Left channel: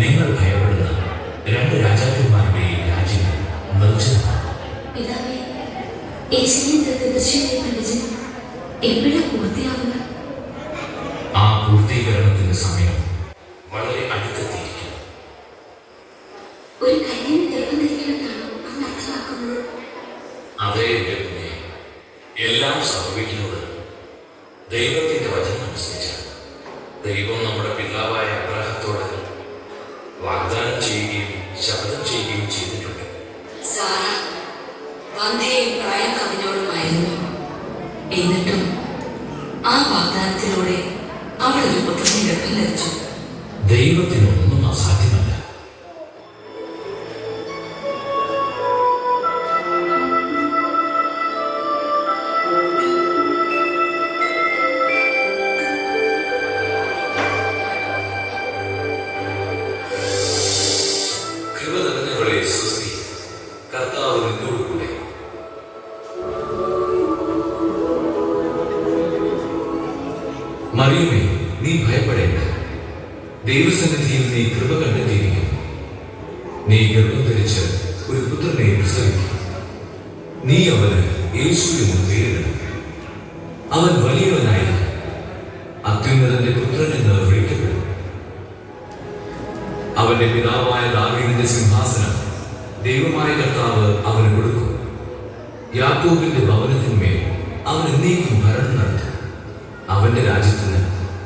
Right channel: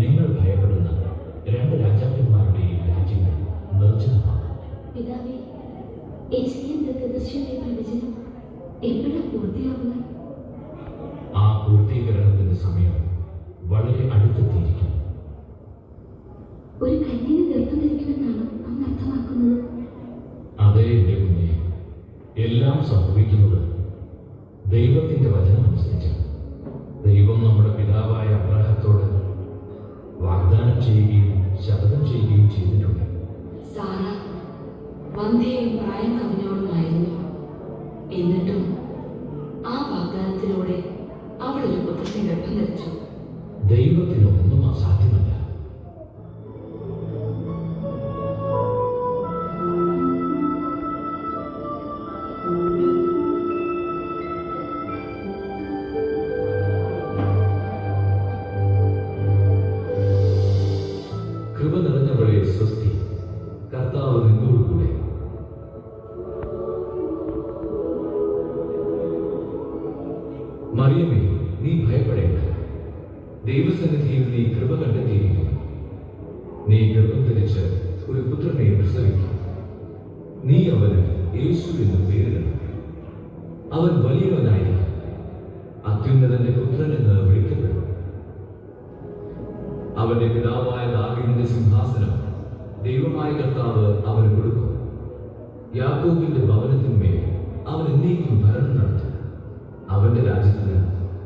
നിങ്ങൾ ഭയപ്പെടുന്ന രണ്ട് രാജാക്കന്മാരുടെയും രാജ്യം എപ്പോഴാ ആ പൂർത്തീകരണത്തിന്റെ സമയം വളരെ അർത്ഥമാക്കുന്നത്? അതേ എല്ലാം സംഭവിക്കുന്നത് ദൈവത്തിന്റെ വചനം അനുസരിച്ചാണ്. വന്ധ്യയും പ്രായം അതിനോടുമായിരുന്നു എന്നിട്ടും ആ വാഗ്ദാനത്തിലൂടെ അവൾ ഒരു പുത്രനെ ഗർഭം ധരിച്ചു. ദൈവത്തിനൊന്നും അസാധ്യമല്ല. കർത്താവ് മറിയമേ നീ ഭയപ്പെടേണ്ട. ദൈവസന്നിധിയിൽ നീ കൃപ കണ്ടെത്തിയിരിക്കുന്നു. നീ ഗർഭം ധരിച്ച് ഒരു പുത്രനെ പ്രസവിക്കും. നീ അവന് യേശു എന്ന് പേരിടും അവൻ വലിയവനായി അത്യുന്നതന്റെ പുത്രൻ എന്ന് വിളിക്കപ്പെടും. അവന്റെ പിതാവായ ദാവീദിന്റെ സിംഹാസനം ദൈവമായ കർത്താവ് അവന് കൊടുക്കും. യാക്കോബിന്റെ ഭവനത്തിന്മേൽ അവൻ എന്നേക്കും ഭരണം നടത്തും. രാജ്യത്തിന്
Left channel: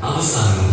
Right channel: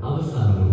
അവസാനം